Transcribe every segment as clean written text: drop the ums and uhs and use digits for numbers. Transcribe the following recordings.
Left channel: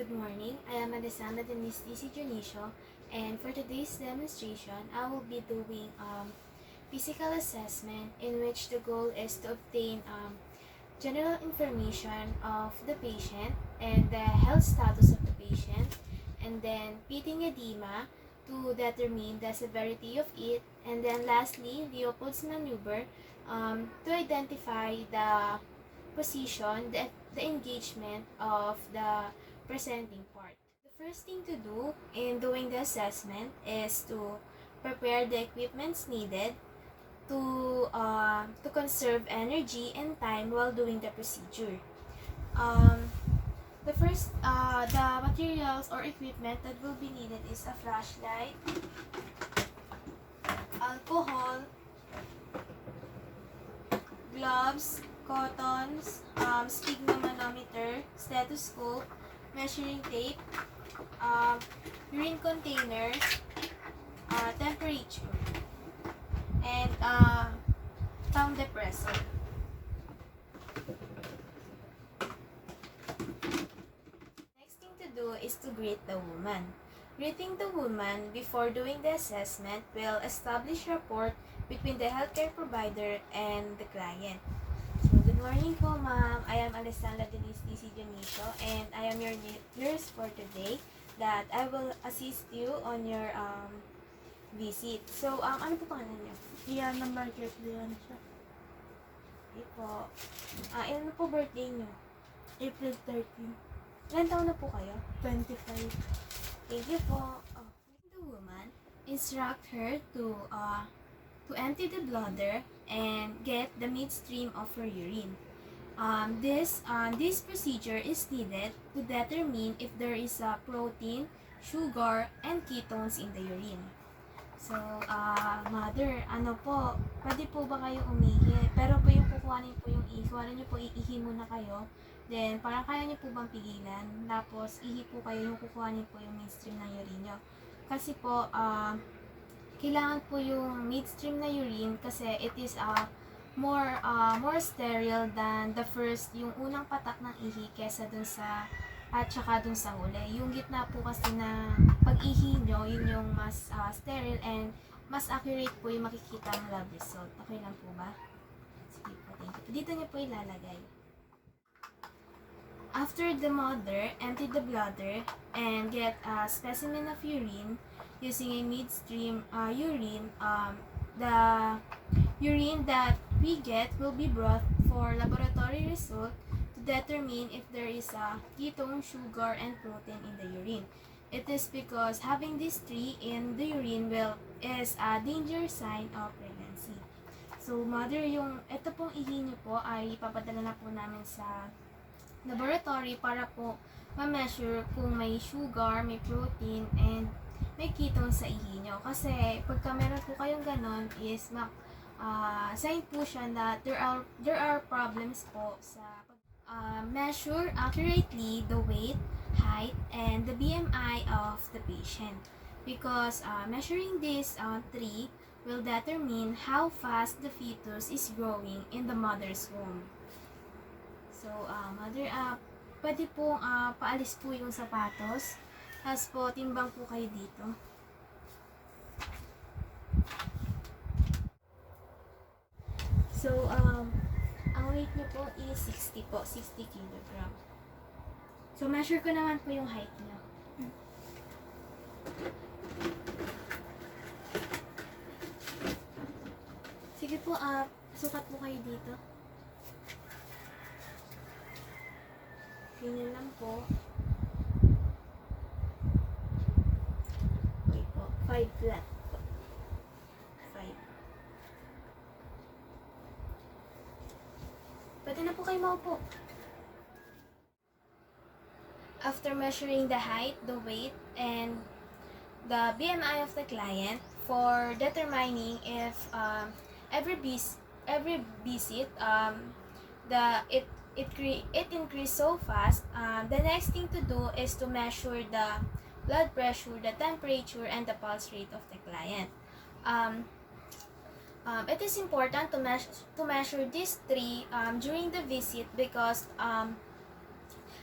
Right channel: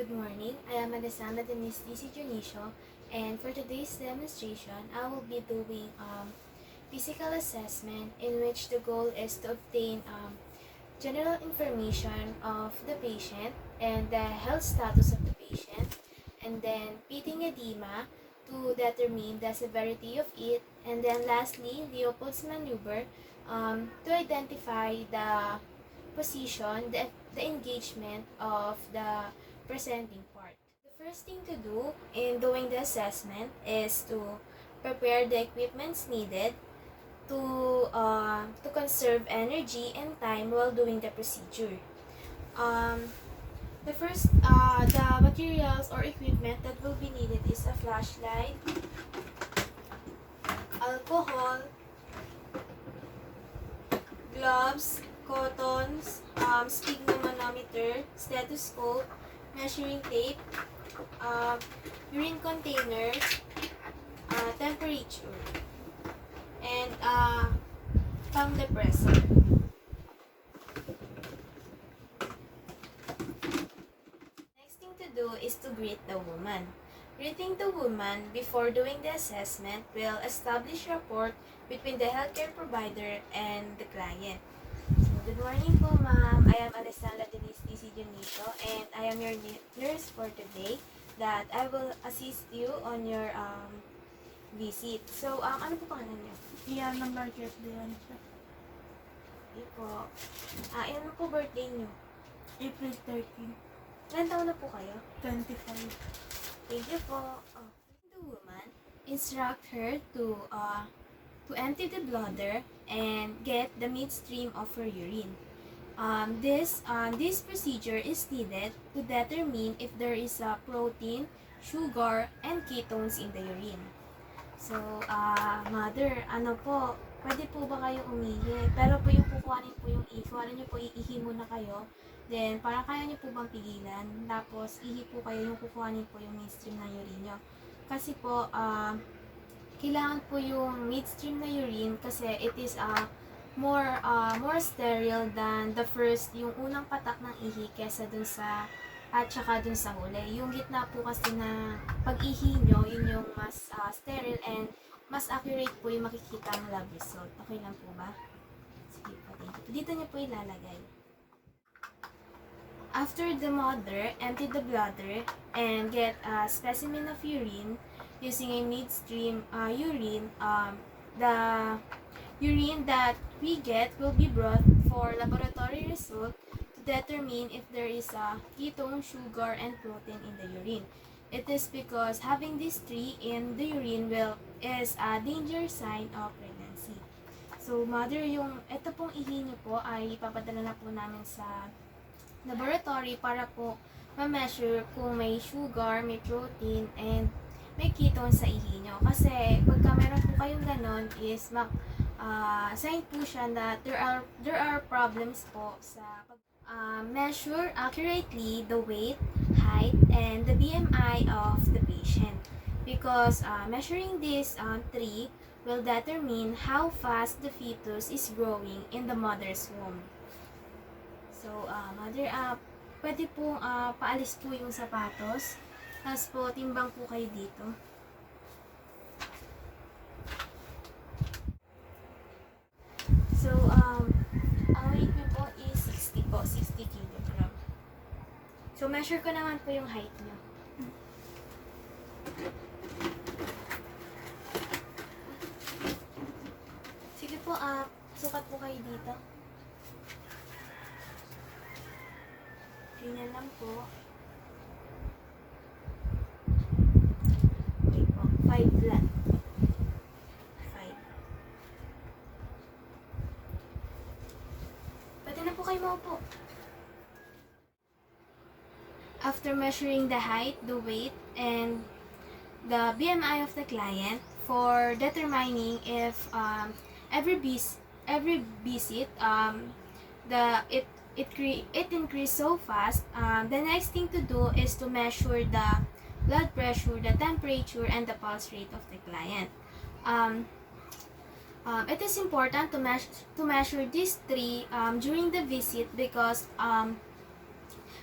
Good morning. I am Alessandra Denise DC Junicio, and for today's demonstration, I will be doing physical assessment in which the goal is to obtain general information of the patient and the health status of the patient, and then pitting edema to determine the severity of it, and then lastly, Leopold's maneuver to identify the position, the engagement of the presenting part. The first thing to do in doing the assessment is to prepare the equipments needed to conserve energy and time while doing the procedure. The materials or equipment that will be needed is a flashlight, alcohol, gloves, cottons, sphygmomanometer, stethoscope, measuring tape, urine container, temperature, and palm depressor. Next thing to do is to greet the woman. Greeting the woman before doing the assessment will establish rapport between the healthcare provider and the client. So, good morning po, ma'am. I am Alessandra Denise DC Junicio, and I am your nurse for today that I will assist you on your visit. So, ano po pangalan niyo? Iyan ng Margaret Leon siya. Okay po. Ilan po birthday niyo? April 13, Ilan taon na po kayo? 25. Thank you po. The woman, instruct her to empty the bladder and get the midstream of her urine. This procedure is needed to determine if there is a protein, sugar, and ketones in the urine. So, mother, pwede po ba kayo umihi? Pero po yung kukuhanin po yung ihi, kuhanin niyo po iihi muna kayo. Then, parang kaya niyo po bang pigilan? Tapos, ihi po kayo yung kukuhanin po yung midstream ng urine niyo. Kasi po, kailangan po yung midstream na urine kasi it is more sterile than the first, yung unang patak ng ihi kesa dun sa at saka dun sa huli. Yung gitna po kasi na pag-ihi nyo, yun yung mas sterile and mas accurate po yung makikita ang lab result. Okay lang po ba? Sige po, thank you. Dito nyo po ilalagay. After the mother, empty the bladder and get a specimen of urine using a midstream urine. The urine that we get will be brought for laboratory result to determine if there is a ketone, sugar, and protein in the urine. It is because having these three in the urine is a danger sign of pregnancy. So, mother, ito pong ihi niyo po ay ipapadala na po namin sa laboratory para po ma-measure kung may sugar, may protein, and may ketone sa ihi nyo. Kasi pagka meron po kayong ganon is sign po siya that there are problems po sa measure accurately the weight, height, and the BMI of the patient. Because measuring these three will determine how fast the fetus is growing in the mother's womb. So, mother, pwede pong paalis po yung sapatos. Tapos po, timbang po kayo dito. So, ang weight niyo po is 60 po, 60 kilogram. So, measure ko naman po yung height niyo. Sige po, sukat po kayo dito. Ganyan lang po. Okay po. 5 flat. 5. Pwede na po kayo maupo. After measuring the height, the weight, and the BMI of the client for determining if every visit it increased so fast, the next thing to do is to measure the blood pressure, the temperature, and the pulse rate of the client. It is important to measure these three during the visit because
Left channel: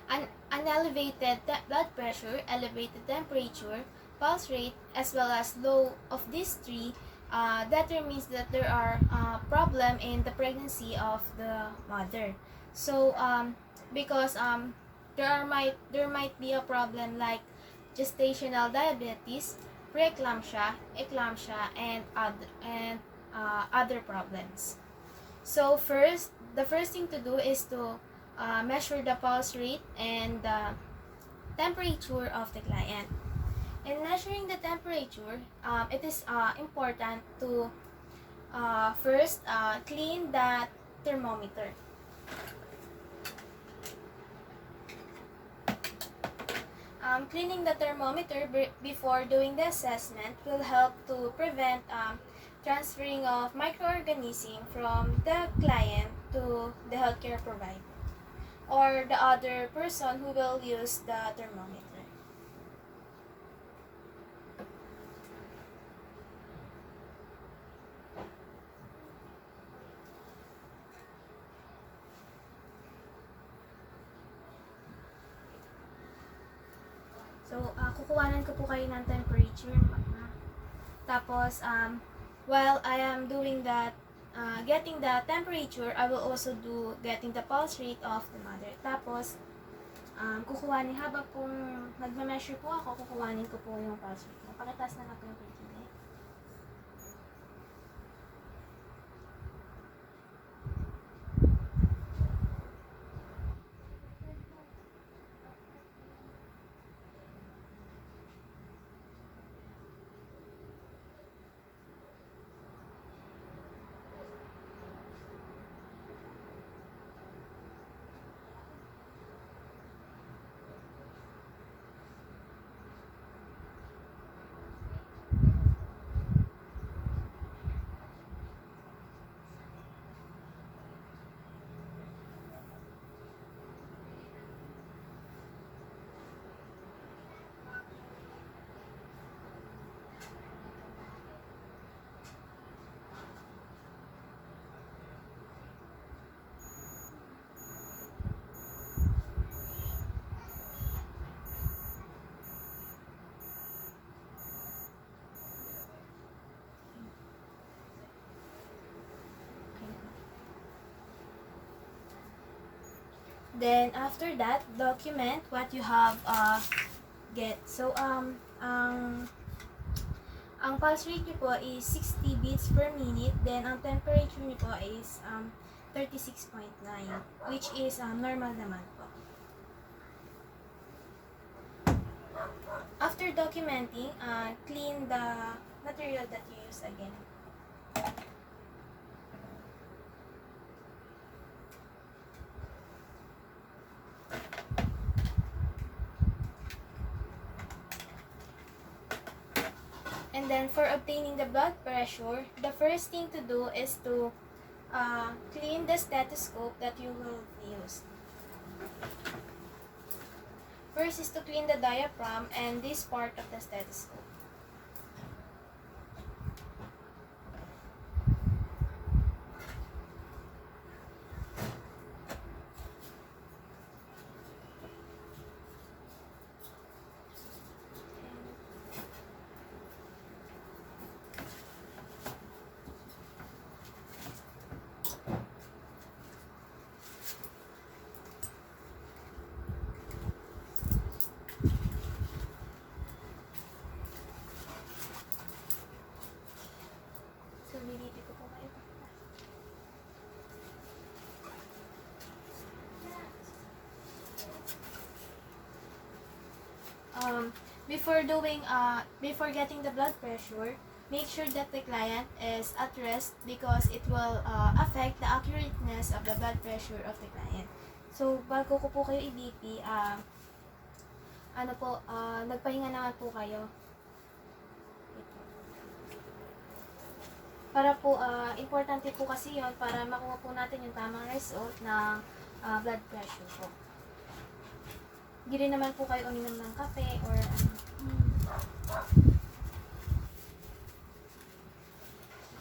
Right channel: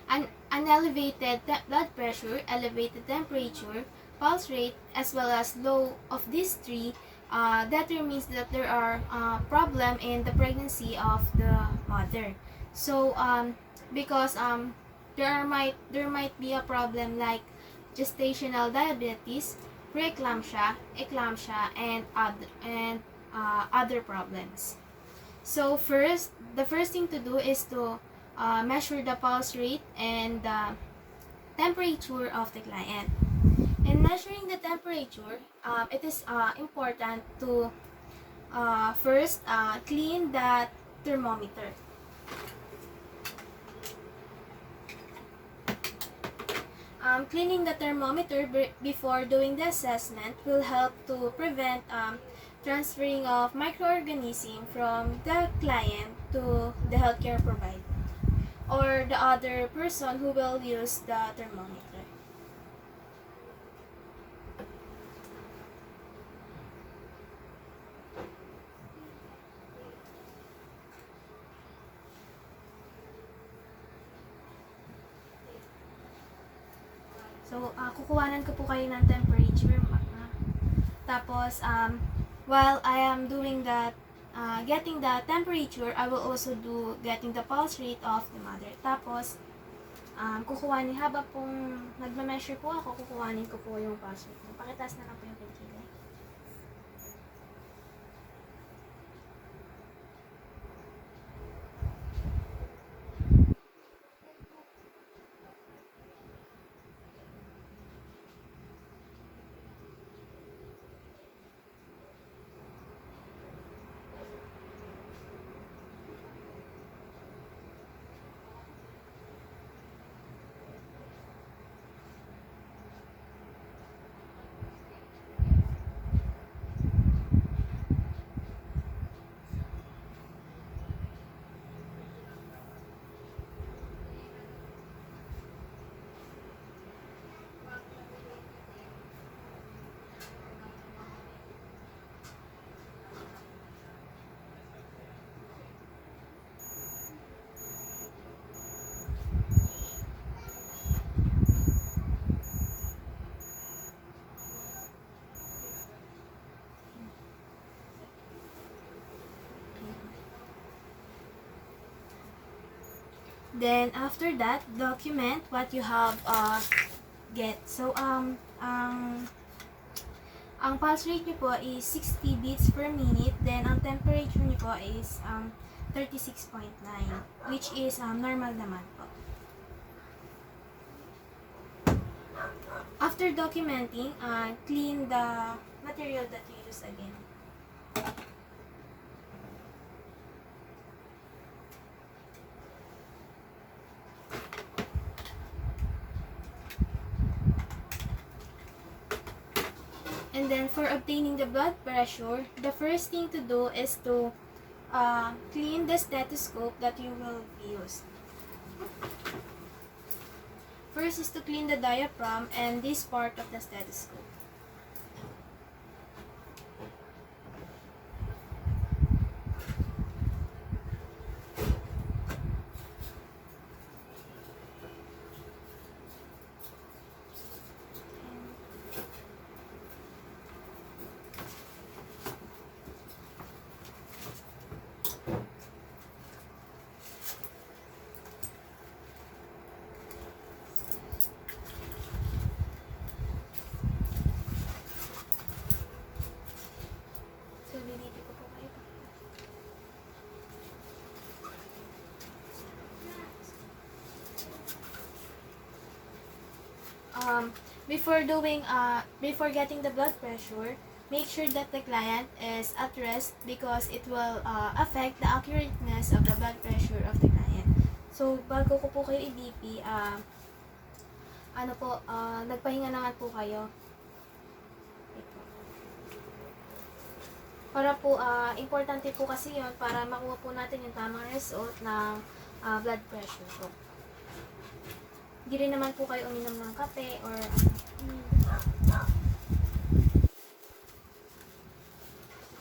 An elevated blood pressure, elevated temperature, pulse rate, as well as low of these three, determines that there are problem in the pregnancy of the mother. So because there might be a problem like gestational diabetes, preeclampsia, eclampsia, and other problems. So the first thing to do is to measure the pulse rate and the temperature of the client. In measuring the temperature, it is important to first clean the thermometer. Cleaning the thermometer before doing the assessment will help to prevent transferring of microorganisms from the client to the healthcare provider or the other person who will use the thermometer. So, kukuhanan ko po kayo ng temperature. Tapos, while I am doing that, getting the temperature, I will also do getting the pulse rate of the mother. Tapos, kukuhanin, habang pong nagme-measure po ako, kukuhanin ko po yung pulse rate. Pakitaas na lang po yung pagkilay. Then, after that, document what you have get. So, ang pulse rate niyo po is 60 beats per minute. Then, ang temperature niyo po is 36.9, which is normal naman po. After documenting, clean the material that you use again. And then for obtaining the blood pressure, the first thing to do is to clean the stethoscope that you will use. First is to clean the diaphragm and this part of the stethoscope. So, lilipi ko po kayo. Before getting the blood pressure, make sure that the client is at rest because it will affect the accurateness of the blood pressure of the client. So, bago ko po kayo i-BP, nagpahinga naman po kayo. Para po, importante po kasi yon para makuha po natin yung tamang result ng blood pressure po. Hindi rin naman po kayo uminom ng kape or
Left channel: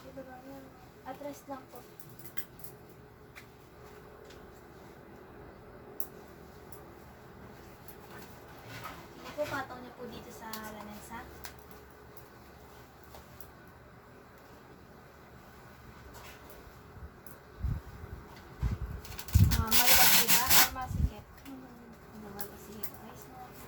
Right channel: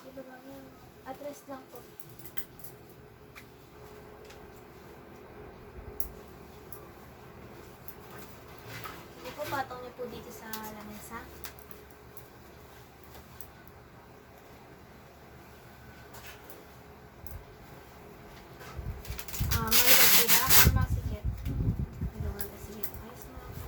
Sige ba yan? At rest lang po. po dito sa lamesa. Maluwag po ba? Or masikip? Maluwag. Sige, ayos mo lang po.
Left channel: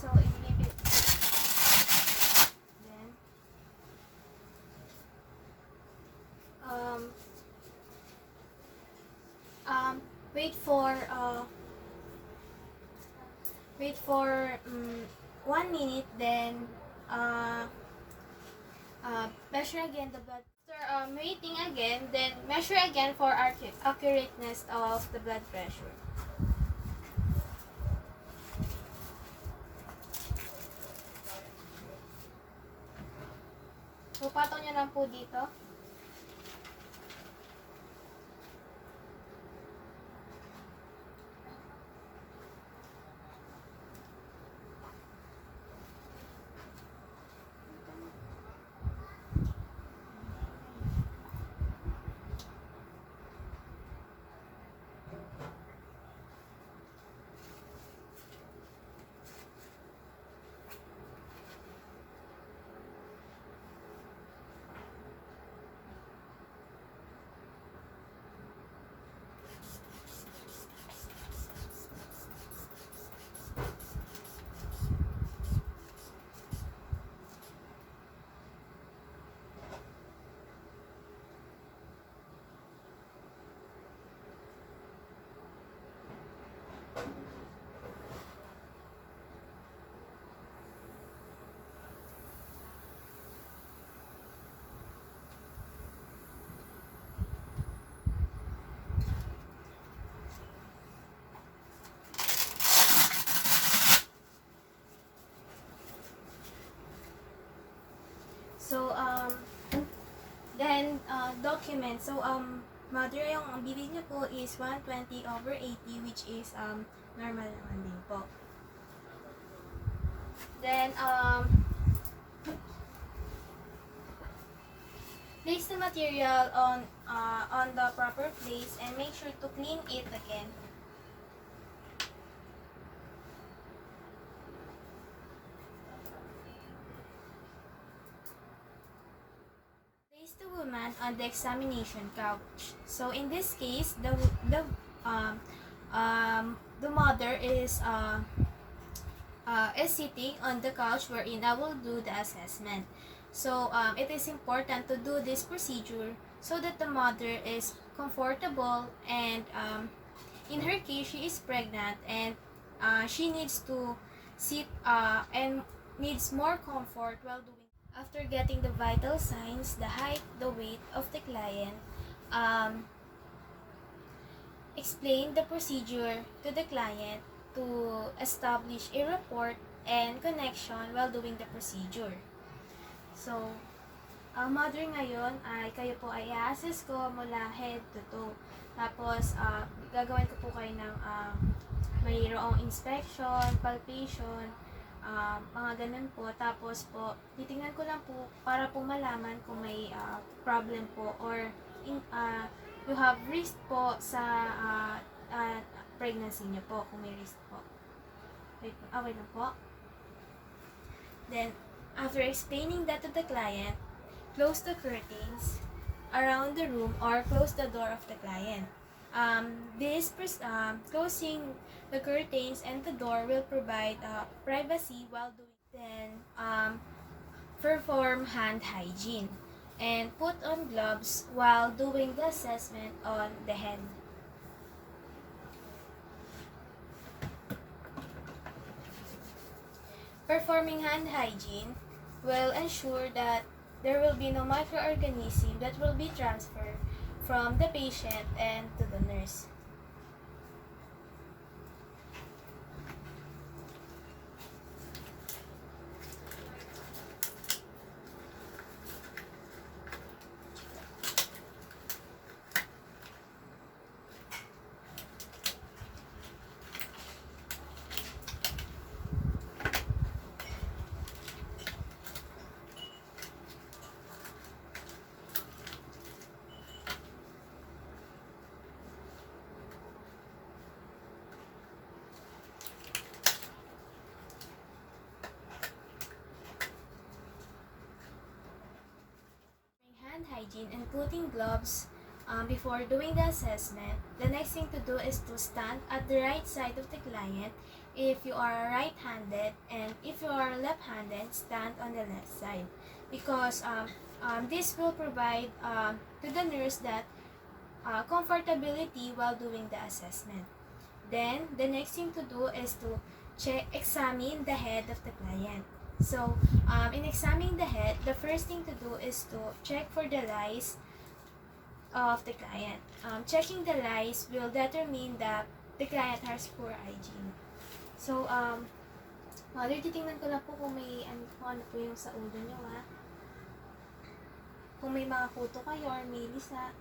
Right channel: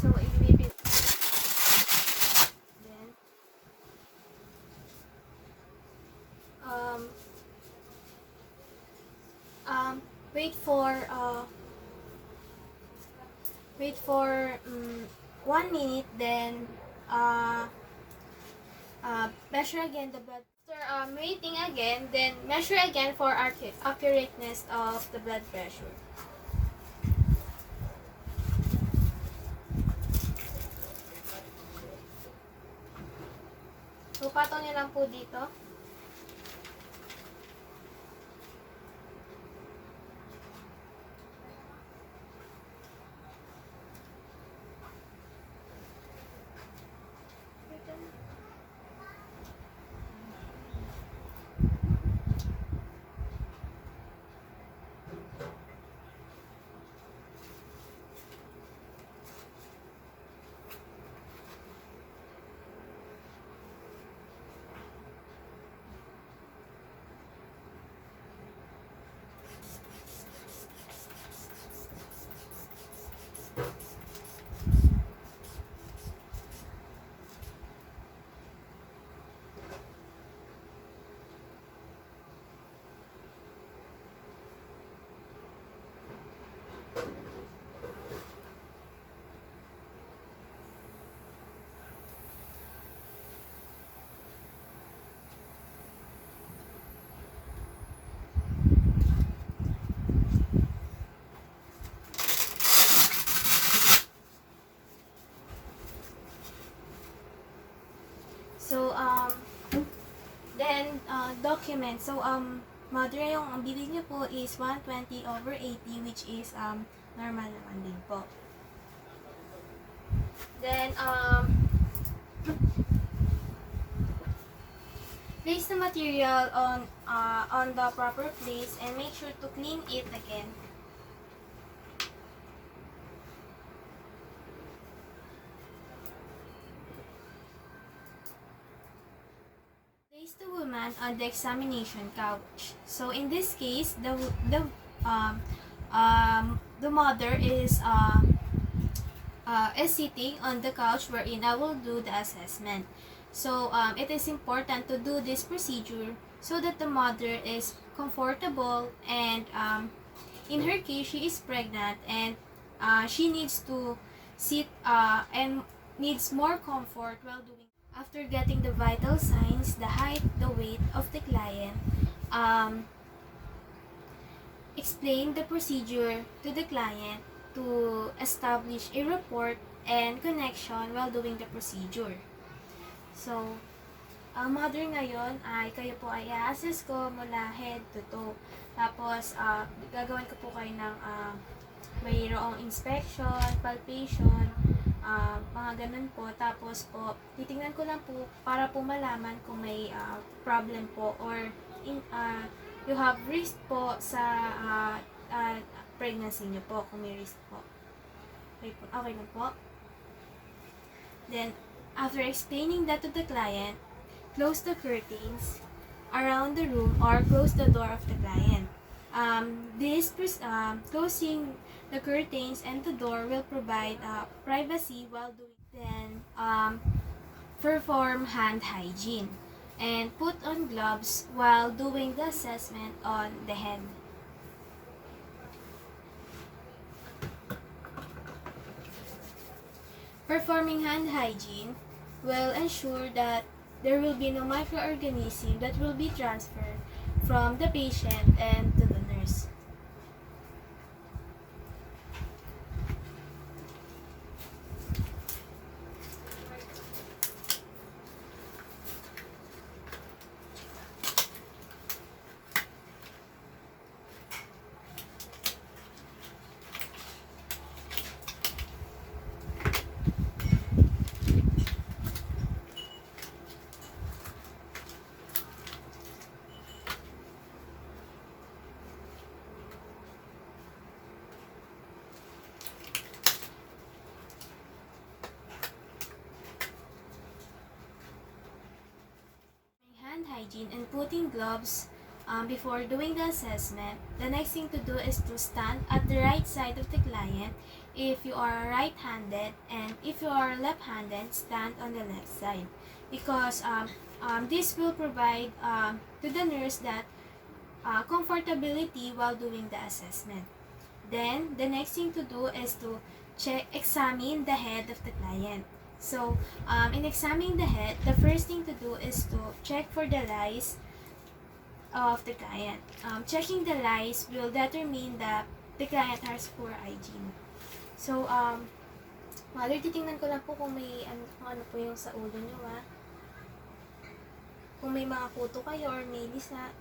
So, ibibigay. Then, um, wait for 1 minute, then, measure again the blood. After waiting again, then measure again for accurateness of the blood pressure. So, patong nyo lang po dito. So, then, document. So, mother, yung ang bilin niyo po is 120/80, which is, normal naman din po. Then, place the material on the proper place and make sure to clean it again. Place the woman on the examination couch. So in this case, the mother is sitting on the couch wherein I will do the assessment. So it is important to do this procedure so that the mother is comfortable, and in her case she is pregnant, and she needs to sit and needs more comfort while doing. After getting the vital signs, the height, the weight of the client, explain the procedure to the client to establish a report and connection while doing the procedure. So, ang mother ngayon ay kayo po ay i-assess ko mula head to toe. Tapos, gagawin ko po kayo ng mayroong inspection, palpation, mga ganun po. Tapos po, titingnan ko lang po para po malaman kung may problem po or you have risk po sa pregnancy niyo po, kung may risk po. Okay na po. Then, after explaining that to the client, close the curtains around the room or close the door of the client. Closing the curtains and the door will provide privacy while doing. Then, perform hand hygiene and put on gloves while doing the assessment on the head. Performing hand hygiene will ensure that there will be no microorganism that will be transferred from the patient and to the nurse. Hand hygiene and putting gloves before doing the assessment, the next thing to do is to stand at the right side of the client if you are right-handed, and if you are left-handed, stand on the left side, because this will provide to the nurse that comfortability while doing the assessment. Then, the next thing to do is to examine the head of the client. So, in examining the head, the first thing to do is to check for the lice of the client. Checking the lice will determine that the client has poor hygiene. So, mother, titingnan ko lang po kung may kung ano po yung sa ulo nyo, ha. Kung may mga kuto kayo or may lisa.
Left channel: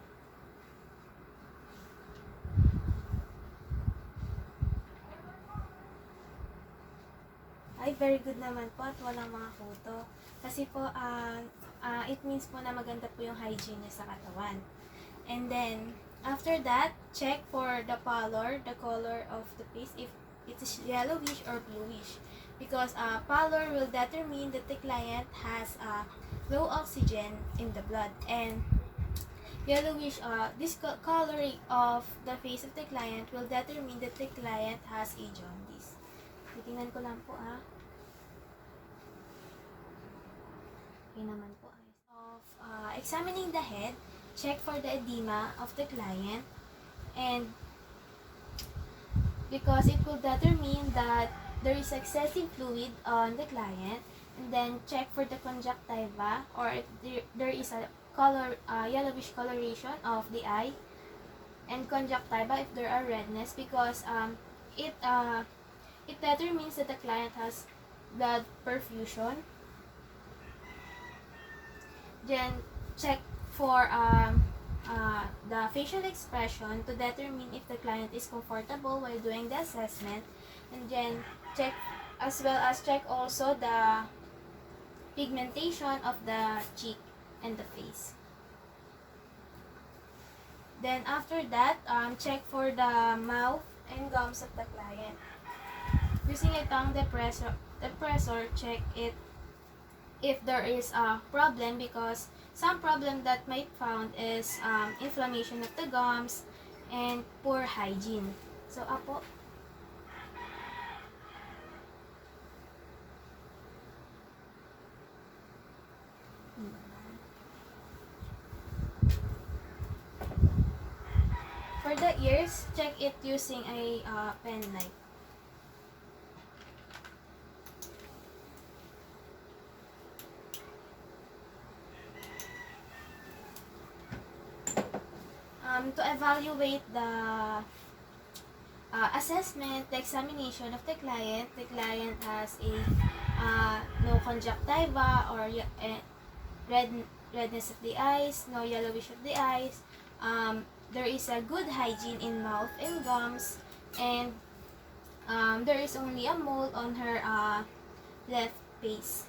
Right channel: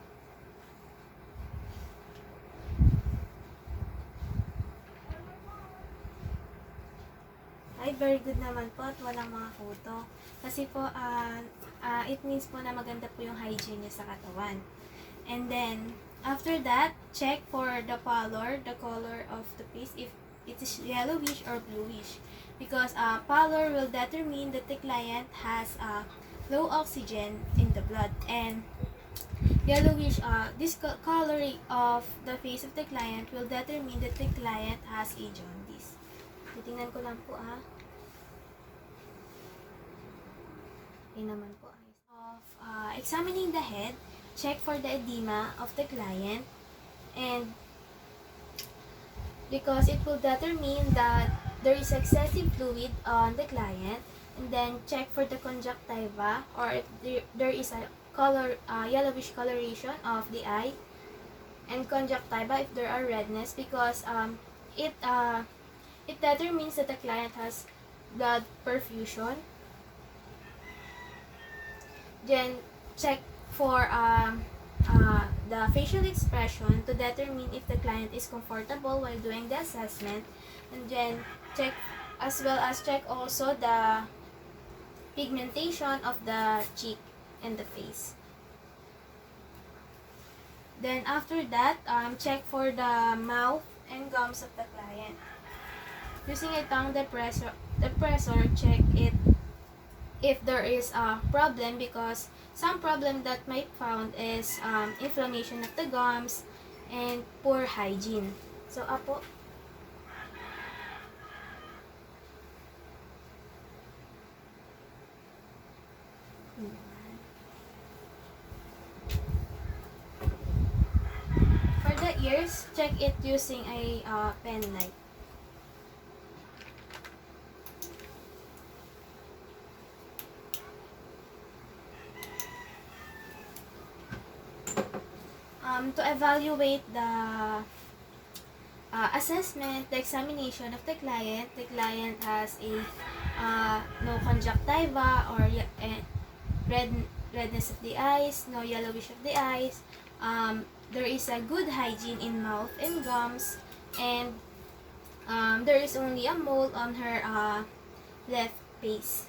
Ay, very good naman po at walang mga kuto. Kasi po, it means po na maganda po yung hygiene niya sa katawan. And then, after that, check for the color of the face, if it is yellowish or bluish. Because pallor will determine that the client has low oxygen in the blood. And yellowish, this color of the face of the client will determine that the client has a jaundice. Titingnan ko lang po, Okay naman po. Examining the head, check for the edema of the client, and because it will determine that there is excessive fluid on the client. And then check for the conjunctiva, or if there is a yellowish coloration of the eye, and conjunctiva if there are redness, because it determines that the client has blood perfusion. Then check for the facial expression to determine if the client is comfortable while doing the assessment. And then check also the pigmentation of the cheek and the face. Then after that, check for the mouth and gums of the client. Using a tongue depressor, check it if there is a problem, because some problem that might found is inflammation of the gums and poor hygiene. So, apo. For the ears, check it using a pen light. To evaluate the assessment, the examination of the client has a no conjunctiva or redness of the eyes, no yellowish of the eyes. There is a good hygiene in mouth and gums, and there is only a mole on her left face.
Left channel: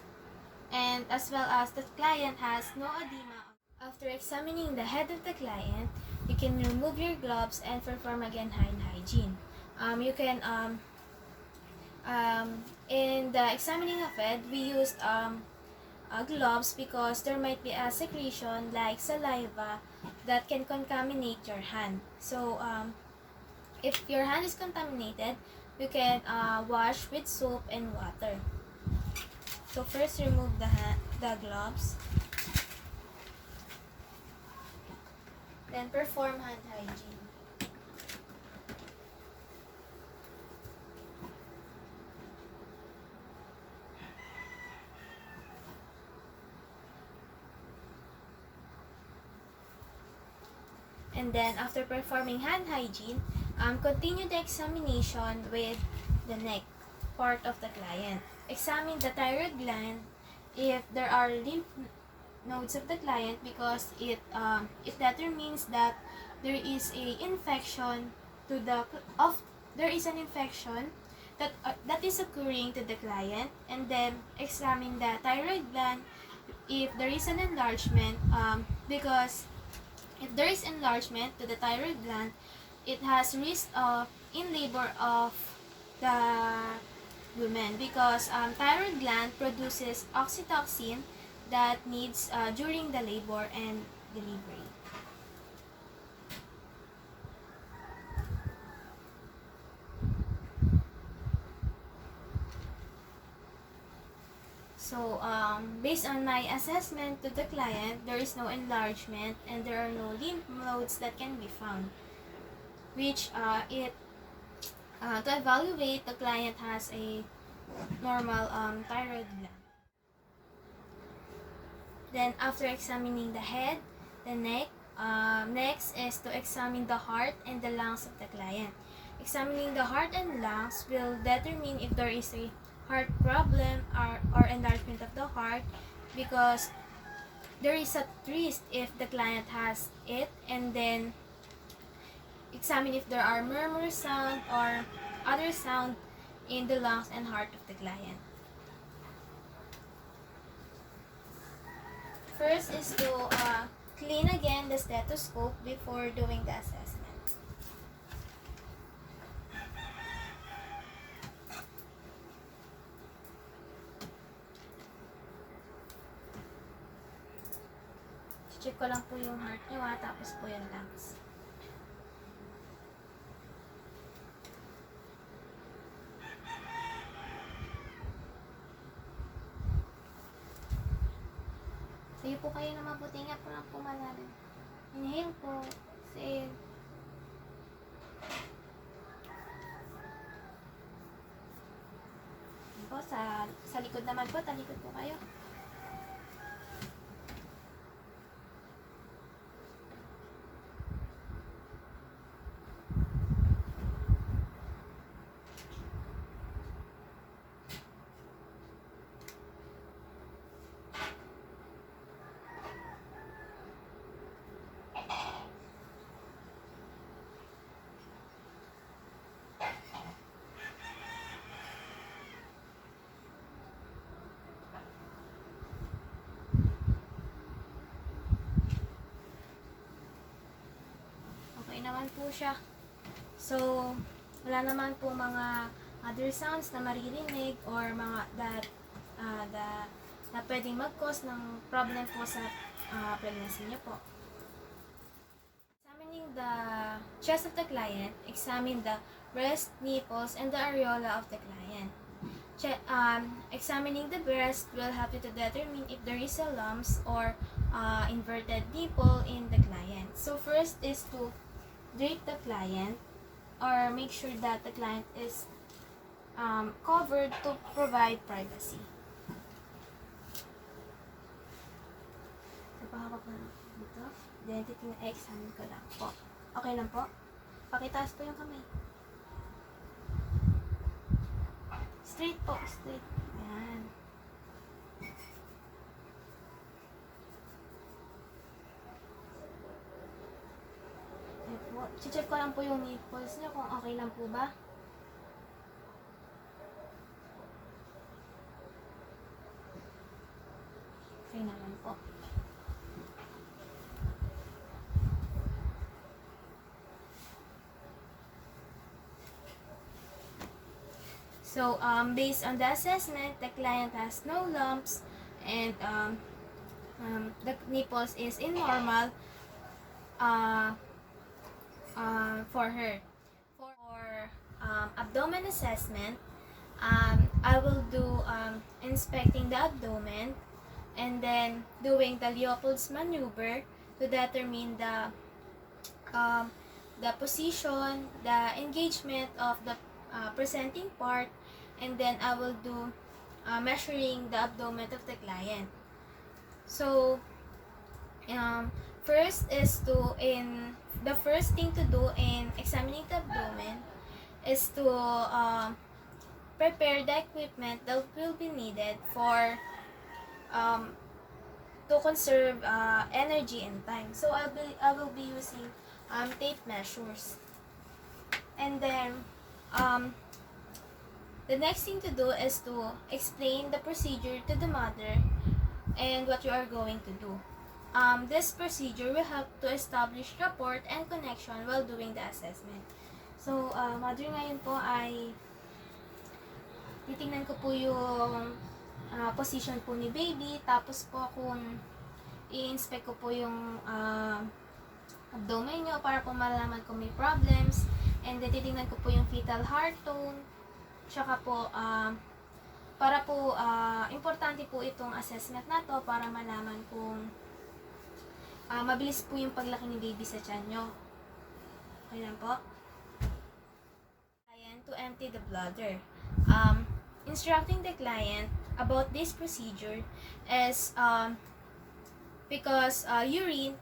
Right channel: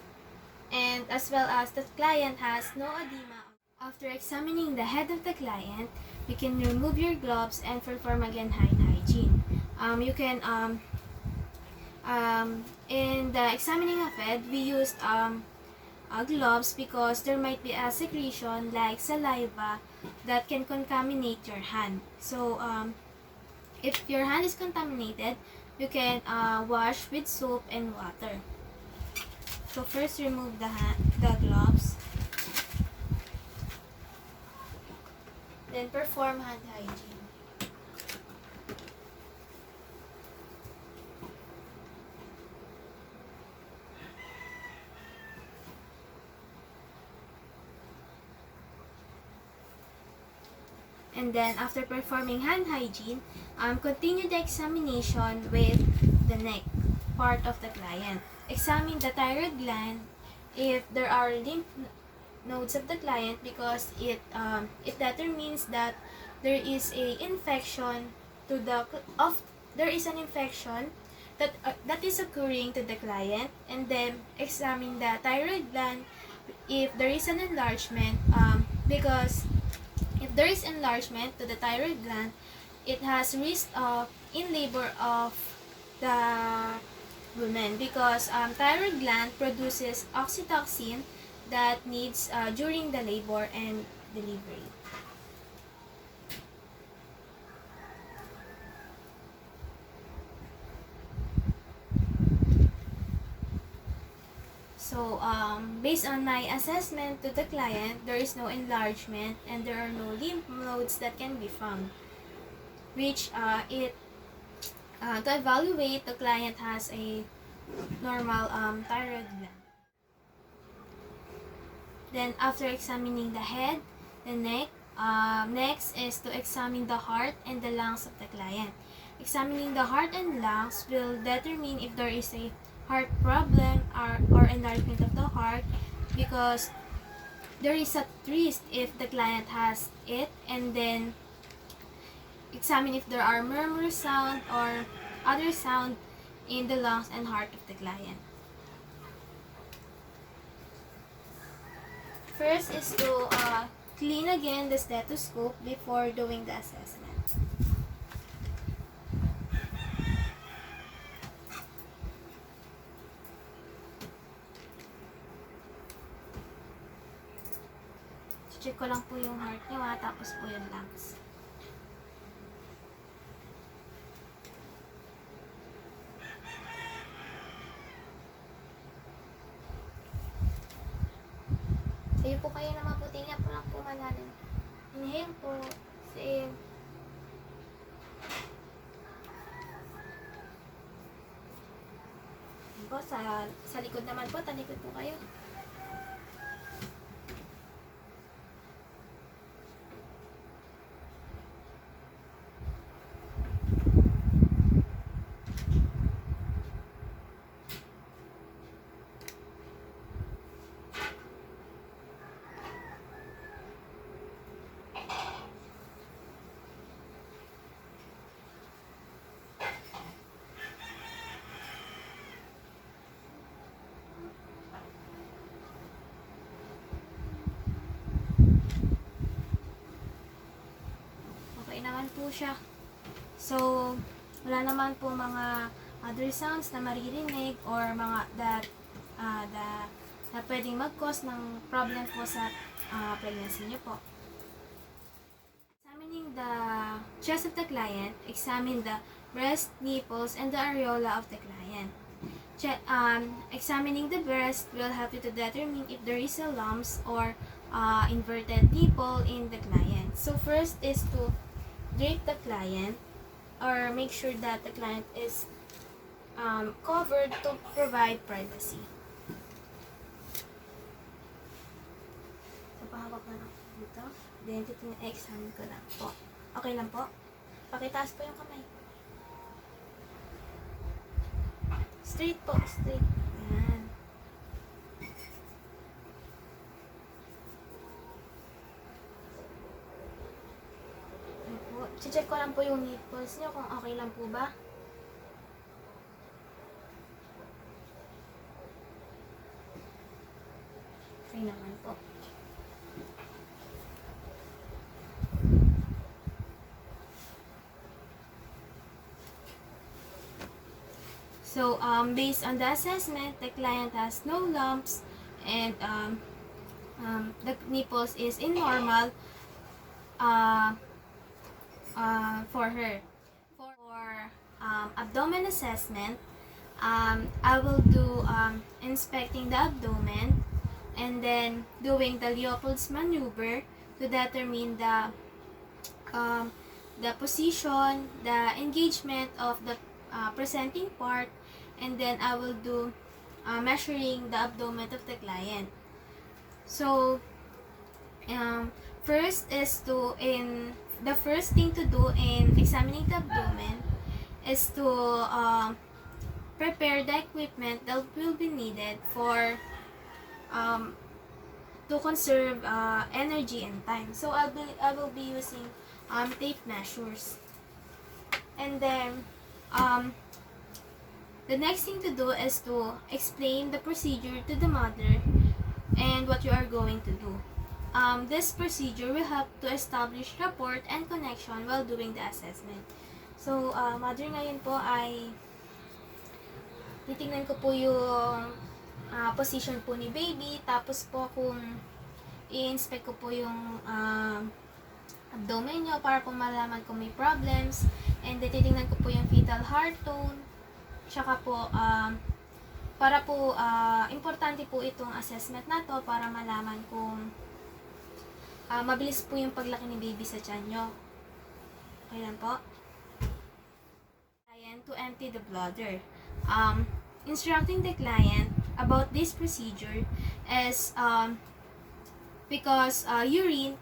And as well as the client has no edema. After examining the head of the client, you can remove your gloves and perform again hand hygiene. You can in the examining of head, we used gloves because there might be a secretion like saliva that can contaminate your hand. So if your hand is contaminated, you can wash with soap and water. So first remove the gloves. Then perform hand hygiene. And then after performing hand hygiene, continue the examination with the neck part of the client. Examine the thyroid gland if there are lymph nodes of the client because it determines that there is a infection to the there is an infection that is occurring to the client. And then examine the thyroid gland if there is an enlargement because if there is enlargement to the thyroid gland, it has risk of in labor of the women because thyroid gland produces oxytocin that needs during the labor and delivery. So, based on my assessment to the client, there is no enlargement and there are no lymph nodes that can be found, which to evaluate the client has a normal thyroid gland. Then, after examining the head, the neck, next is to examine the heart and the lungs of the client. Examining the heart and lungs will determine if there is a heart problem or enlargement of the heart because there is a risk if the client has it. And then examine if there are murmur sound or other sound in the lungs and heart of the client. First is to clean again the stethoscope before doing the assessment. Check ko lang po yung heart nyo tapos po yung lungs. Sayo po kayo na mabuti nga po lang po malalim. Inhale po. Exhale. Po, sa likod naman po, talikod po kayo. Naman po siya. So, wala naman po mga other sounds na maririnig or mga that na pwedeng mag-cause ng problem po sa pregnancy niyo po. Examining the chest of the client, examine the breast, nipples, and the areola of the client. Examining the breast will help you to determine if there is a lumps or inverted nipple in the client. So first is to drape the client or make sure that the client is covered to provide privacy. Tapahan ko pa lang dito. Identity na examine ko lang po. Okay lang po? Pakitaas po yung kamay. Straight po, straight. Yan. Check ko lang po yung nipples niyo kung okay lang po ba. naman po. So, based on the assessment, the client has no lumps and the nipples is in normal uh, for her. For abdomen assessment, I will do inspecting the abdomen and then doing the Leopold's maneuver to determine the position, the engagement of the presenting part, and then I will do measuring the abdomen of the client. So, the first thing to do in examining the abdomen is to prepare the equipment that will be needed for to conserve energy and time. So I will be using tape measures, and then the next thing to do is to explain the procedure to the mother and what you are going to do. This procedure will help to establish rapport and connection while doing the assessment. So, mother ngayon po ay titingnan ko po yung position po ni baby, tapos po kung i-inspect ko po yung abdomen nyo para po malaman kung may problems, and then titingnan ko po yung fetal heart tone, tsaka po para po importante po itong assessment na to para malaman kung mabilis po yung paglaki ni baby sa tiyan nyo. Okay lang po. Client to empty the bladder. Instructing the client about this procedure is because urine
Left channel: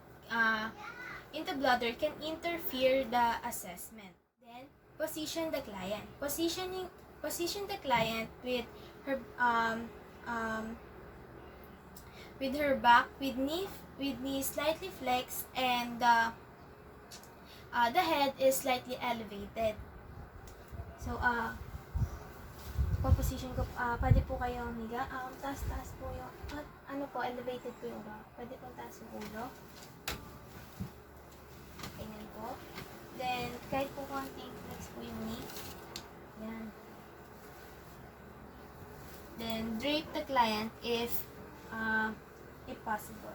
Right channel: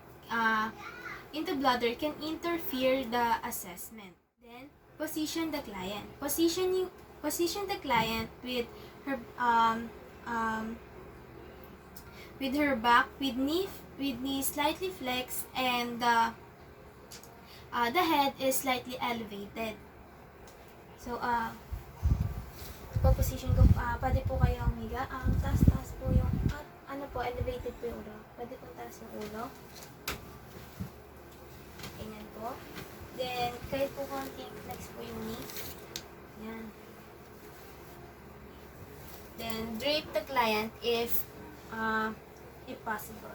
into bladder can interfere the assessment. Then position the client. Position the client with her back with knee slightly flexed and the head is slightly elevated. So position ko, pwede po kayo humiga. Taas po yung, elevated po yung ulo. Pwede po taas yung ulo. Ganyan po. Then, kahit po konting flex po yung knee. Yan. Then, drape the client if possible.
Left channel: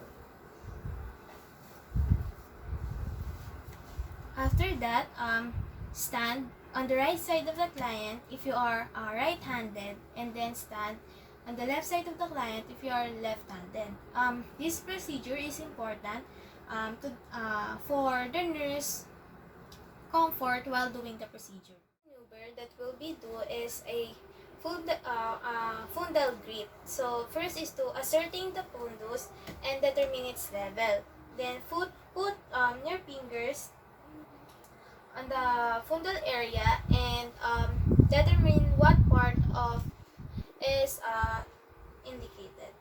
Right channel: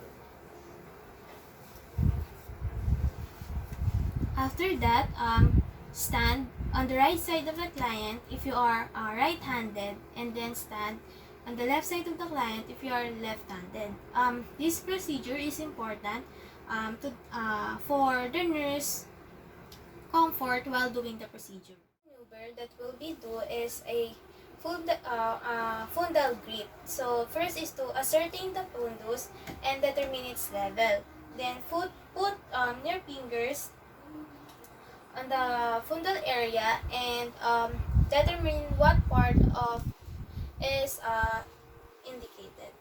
After that, stand on the right side of the client if you are right-handed, and then stand on the left side of the client if you are left-handed. This procedure is important for the nurse comfort while doing the procedure. The maneuver that will be do is a fundal grip. So first is to ascertain the fundus and determine its level. Then put your fingers on the fundal area and determine what part of is indicated.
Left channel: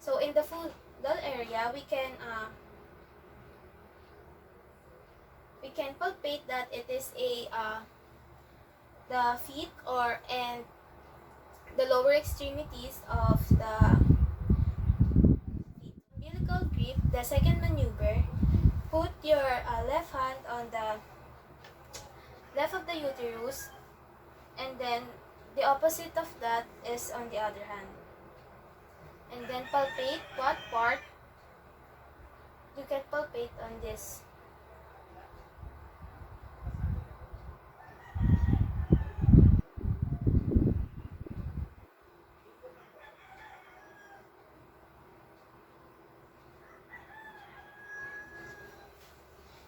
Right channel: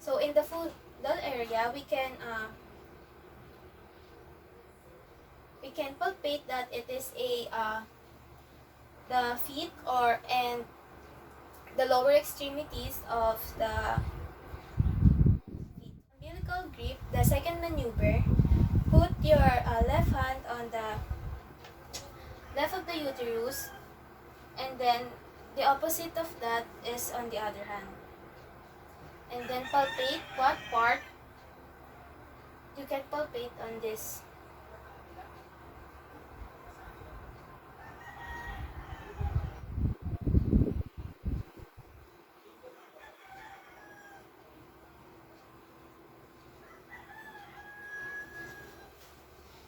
So in the fundal area, we can palpate that it is the feet and the lower extremities of the umbilical grip. The second maneuver, put your left hand on the left of the uterus, and then the opposite of that is on the other hand. And then palpate what part you can palpate on this.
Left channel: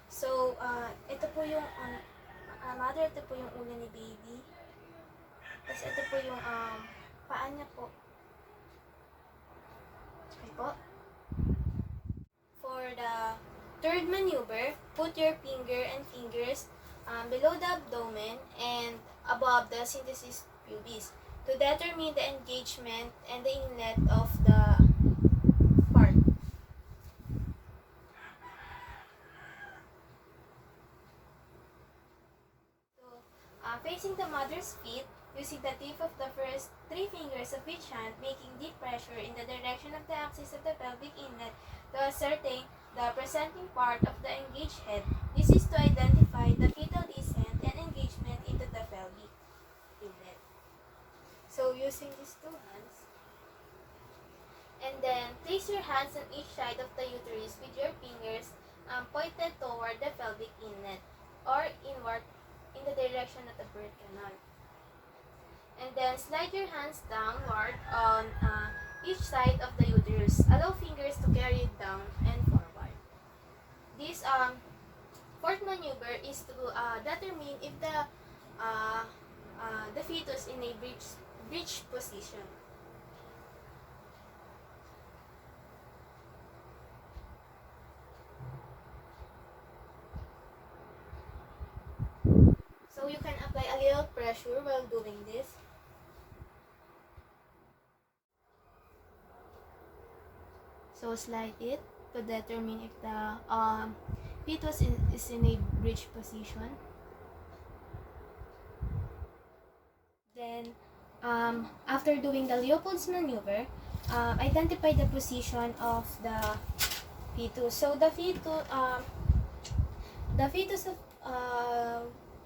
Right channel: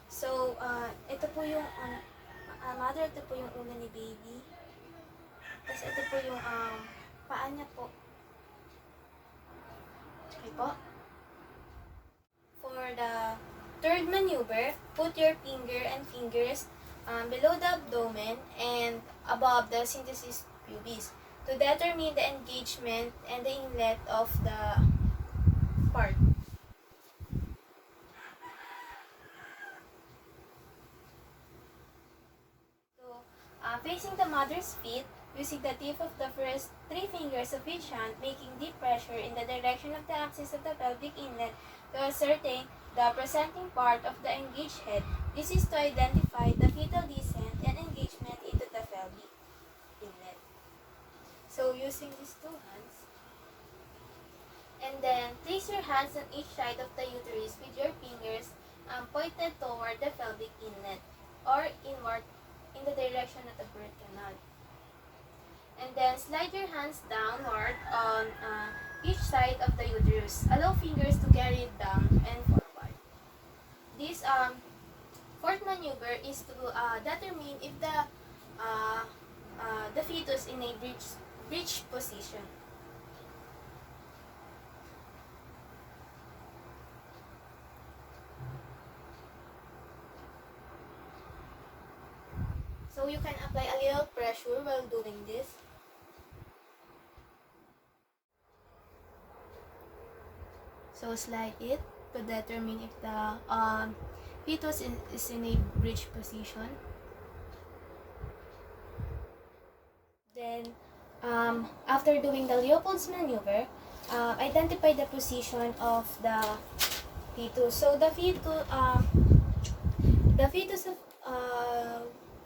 So, ito po yung mother, ito po yung ulo ni baby. Tapos ito po yung paa niya po. Okay po. For the third maneuver, put your fingers below the abdomen and above the symphysis pubis to determine the engagement and the inlet of the part. Facing the mother's feet, using the tip of the first three fingers of each hand, making deep pressure in the direction of the axis of the pelvic inlet to ascertain the presenting part of the engaged head. This is to identify the fetal descent and engagement into the pelvic inlet. So using these two hands, and then place your hands on each side of the uterus with your fingers pointed toward the pelvic inlet or inward in the direction of the birth canal. And then slide your hands downward on each side of the uterus. Allow fingers to carry it down and forward. This fourth maneuver is to determine if the fetus in a breech position. So you can apply a little pressure while doing this. So slide it to determine if the fetus is in a breech position. Then, after doing the Leopold's maneuver, identify the position of the fetus. So the fetus of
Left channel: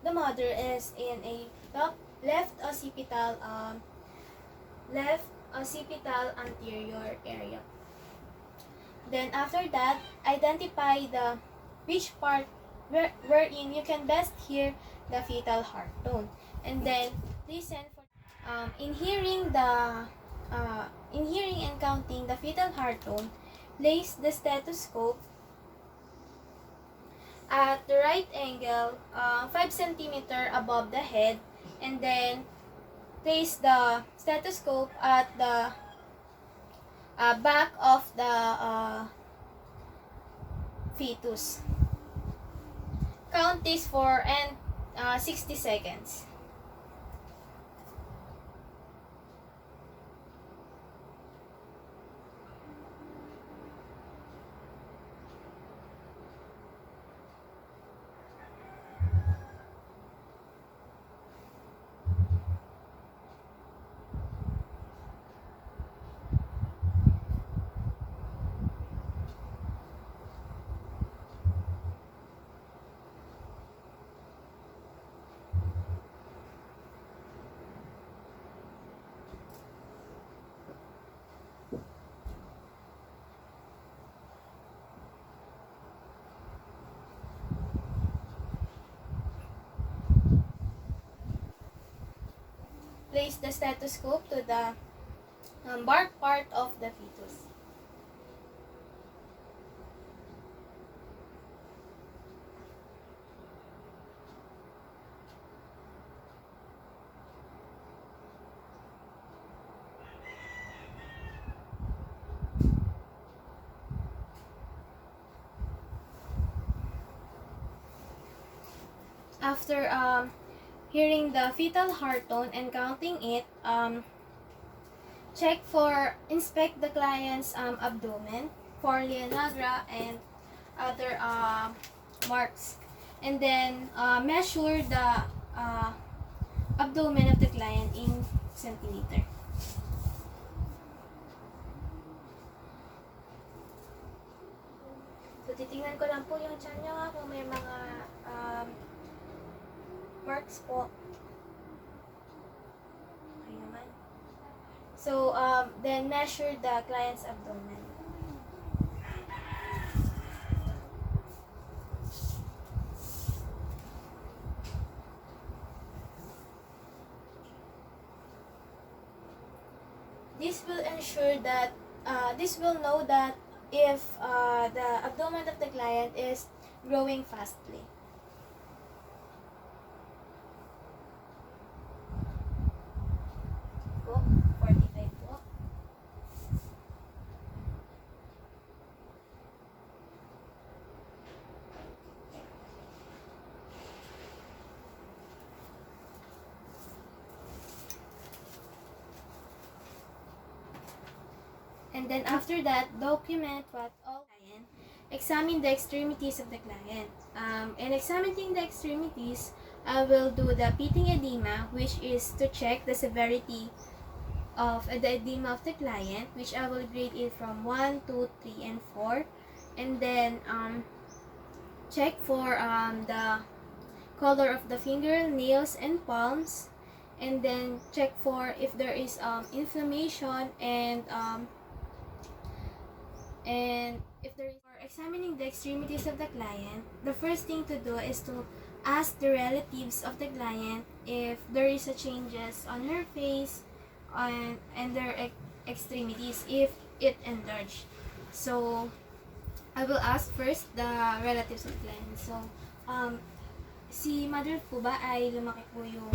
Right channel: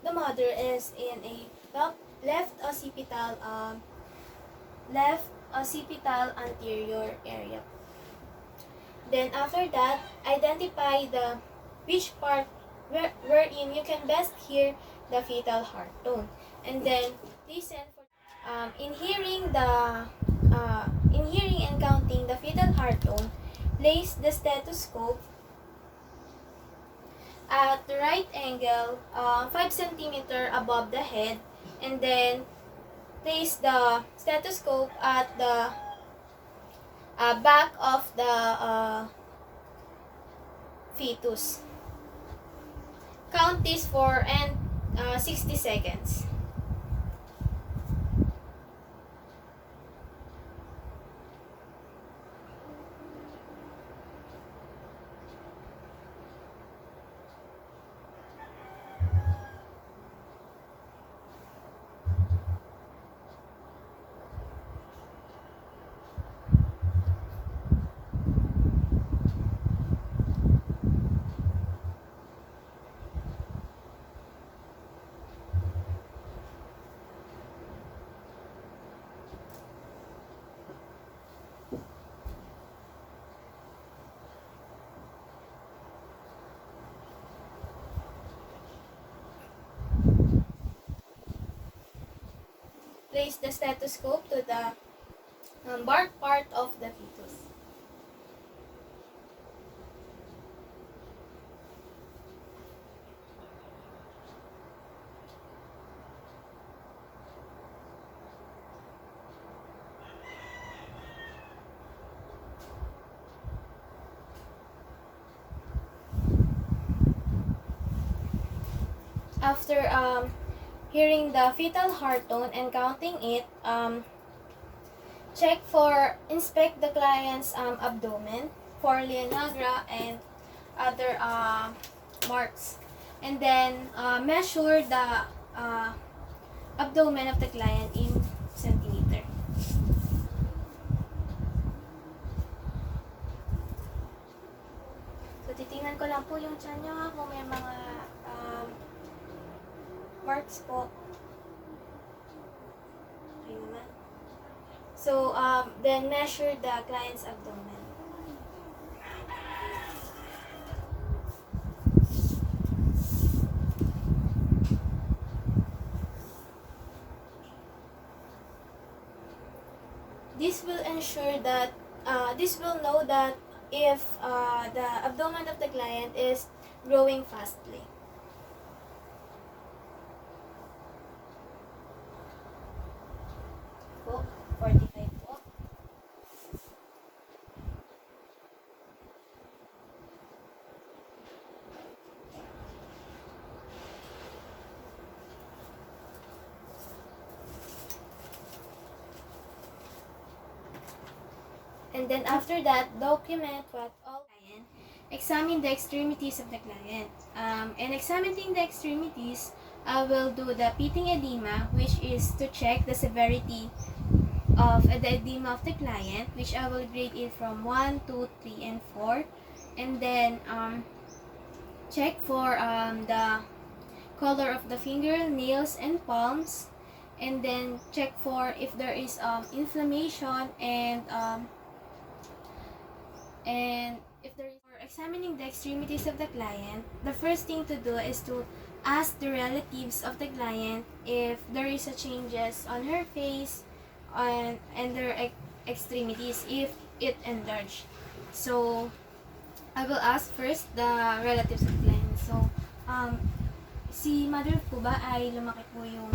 the mother is in a left occipital anterior area. Then after that, identify which part wherein you can best hear the fetal heart tone, and then listen for in hearing and counting the fetal heart tone. Place the stethoscope at the right angle, 5 cm above the head, and then place the stethoscope at the back of the fetus. Count this for 60 seconds. Place the stethoscope to the bark part of the fetus. After hearing the fetal heart tone and counting it, inspect the client's abdomen for Leonagra and other marks, and then measure the abdomen of the client in centimeter. So titingnan ko lang po yung tiyan nyo kung may mga marks po. Okay naman. So, then measure the client's abdomen. This will ensure that, this will know that if the abdomen of the client is growing fastly. Po, 45 po. And then after that, document what all client. Examine the extremities of the client. And examining the extremities, I will do the pitting edema, which is to check the severity of the edema of the client, which I will grade it from 1, 2, 3, and 4. And then check for the color of the fingernails and palms. And then check for if there is inflammation and if there is. For examining the extremities of the client, the first thing to do is to ask the relatives of the client if there is a changes on her face and their extremities if it enlarged. So I will ask first the relatives of the client. So si mother po ba ay lumaki po yung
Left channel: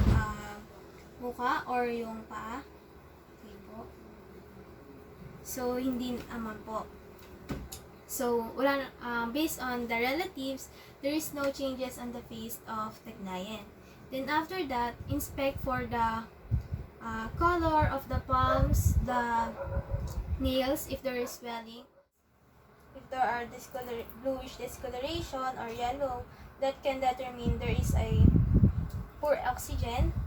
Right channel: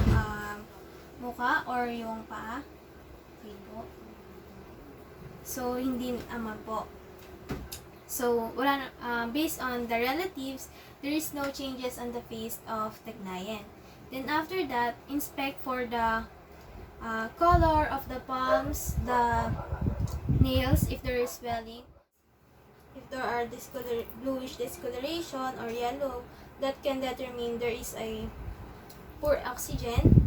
mukha or yung paa? Hindi po. So hindi naman po. So, based on the relatives, there is no changes on the face of the client. Then after that, inspect for the color of the palms, the nails, if there is swelling. If there are bluish discoloration or yellow, that can determine there is a poor oxygen.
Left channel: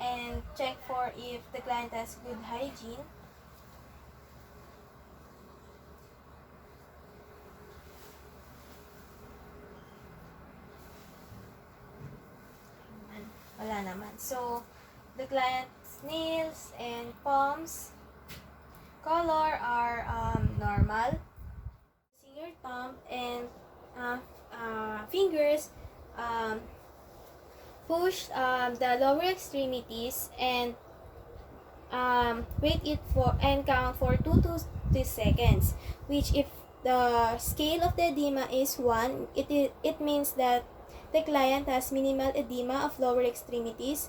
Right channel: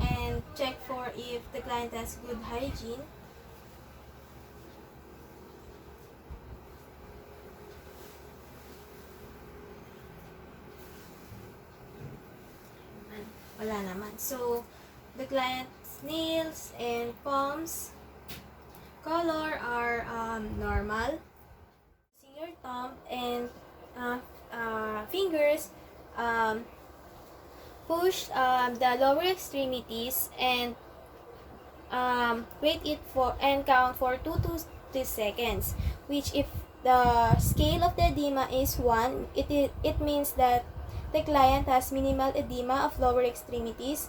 And check for if the client has good hygiene. Wala naman. So, the client's nails and palms color are normal. See your thumb and fingers push the lower extremities and wait it for and count for 2 to 3 seconds. Which if the scale of the edema is 1, it means that the client has minimal edema of lower extremities.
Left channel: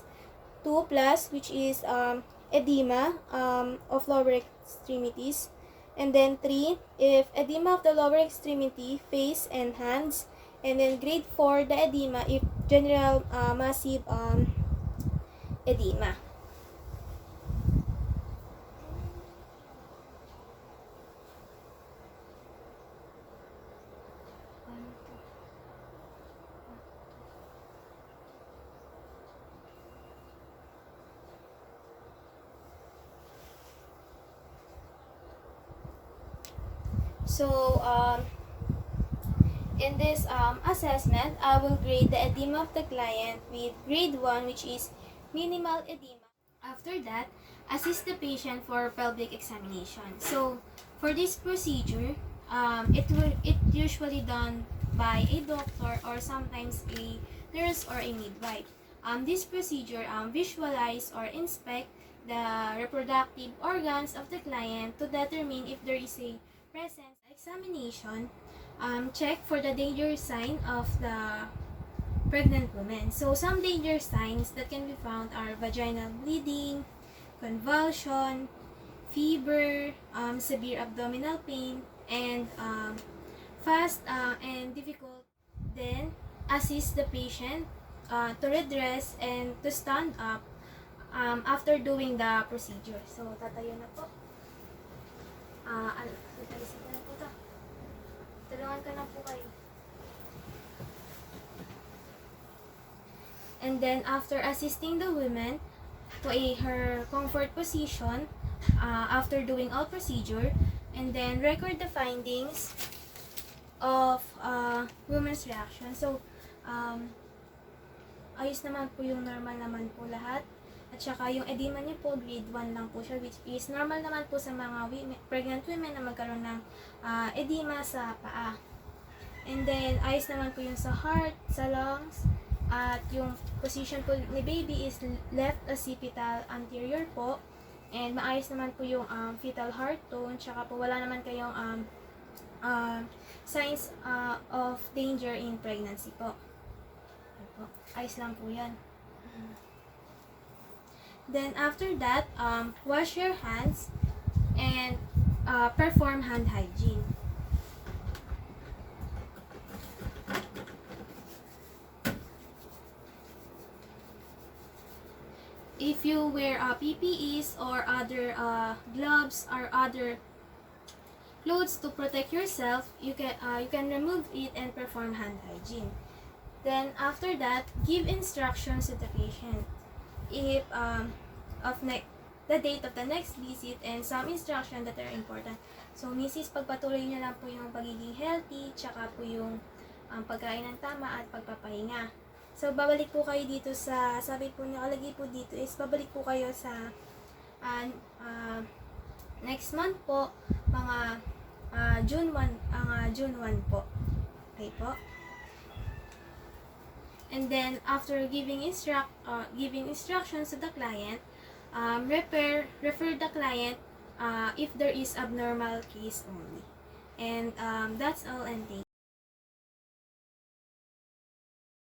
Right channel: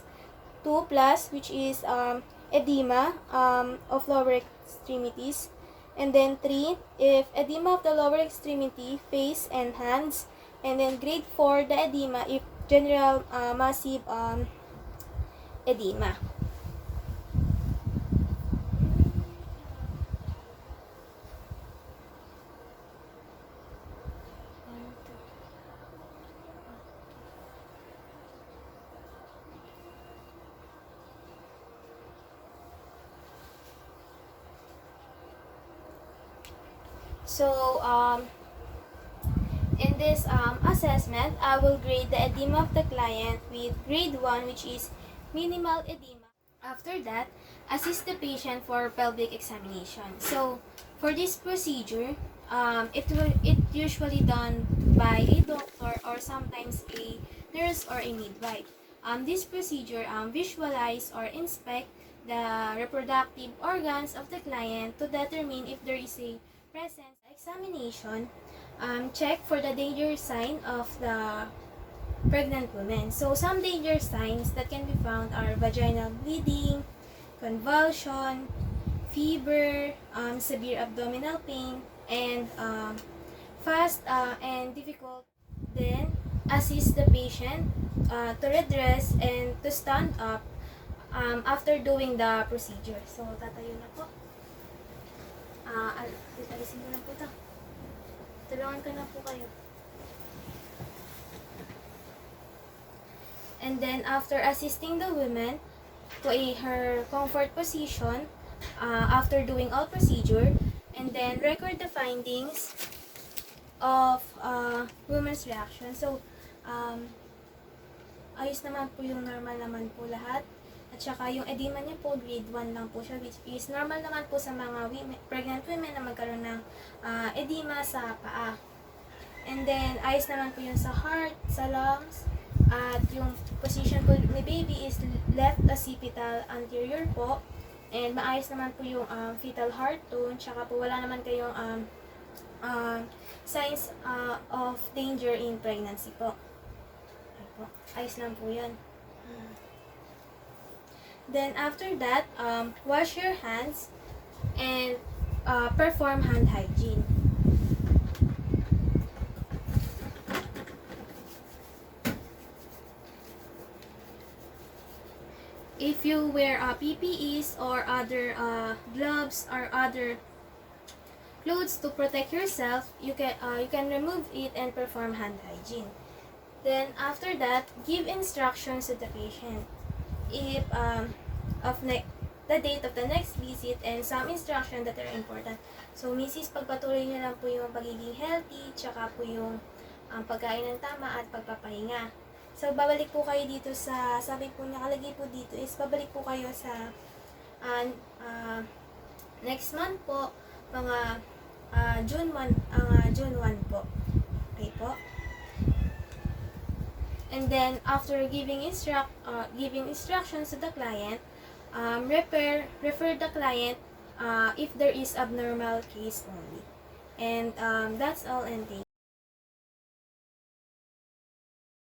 2 plus, which is edema of lower extremities. And then 3, if edema of the lower extremity, face, and hands. And then grade 4, the edema, if general massive edema. So, in this assessment, I will grade the edema of the client with grade 1, which is minimal edema. After that, assist the patient for pelvic examination. So, for this procedure, it usually done by a doctor or sometimes a nurse or a midwife. This procedure visualize or inspect the reproductive organs of the client to determine if there is a presence. Examination, check for the danger sign of the pregnant woman. So some danger signs that can be found are vaginal bleeding, convulsion, fever, severe abdominal pain, and fast and difficult. Then assist the patient to redress and to stand up after doing the procedure. So tatayo na po. Titigisin ko na po ito. Tulungan ko na po kayo. And then, after assisting the woman to her comfort position, after doing all procedure, and then record the findings of woman's reaction. So, ayos naman po yung normal naman po lahat. At saka yung edema niya po, grade 1 lang po siya, which is normal naman po sa mga pregnant women na magkaroon ng edema sa paa. And then, ayos naman po yun sa heart, sa lungs, at yung position po ni baby is left occipital anterior po. And maayos naman po yung fetal heart tone, tsaka po wala naman kayong signs of danger in pregnancy po. Okay po. Ayos lang po yan. Then after that, wash your hands and perform hand hygiene. If you wear PPEs or other gloves or other clothes to protect yourself, you can remove it and perform hand hygiene. Then after that, give instructions to the patient. If the date of the next visit and some instruction that are important. So, Mrs. pagpatuloy niyo lang po yung pagiging healthy, tsaka po yung pagkain ng tama at pagpapahinga. So, babalik po kayo dito sa, sabi po niya, kalagay po dito is, babalik po kayo sa next month po, mga June 1, June 1 po. Okay po. And then, after giving instructions to the client, refer the client if there is abnormal case only. And that's all, and thank you.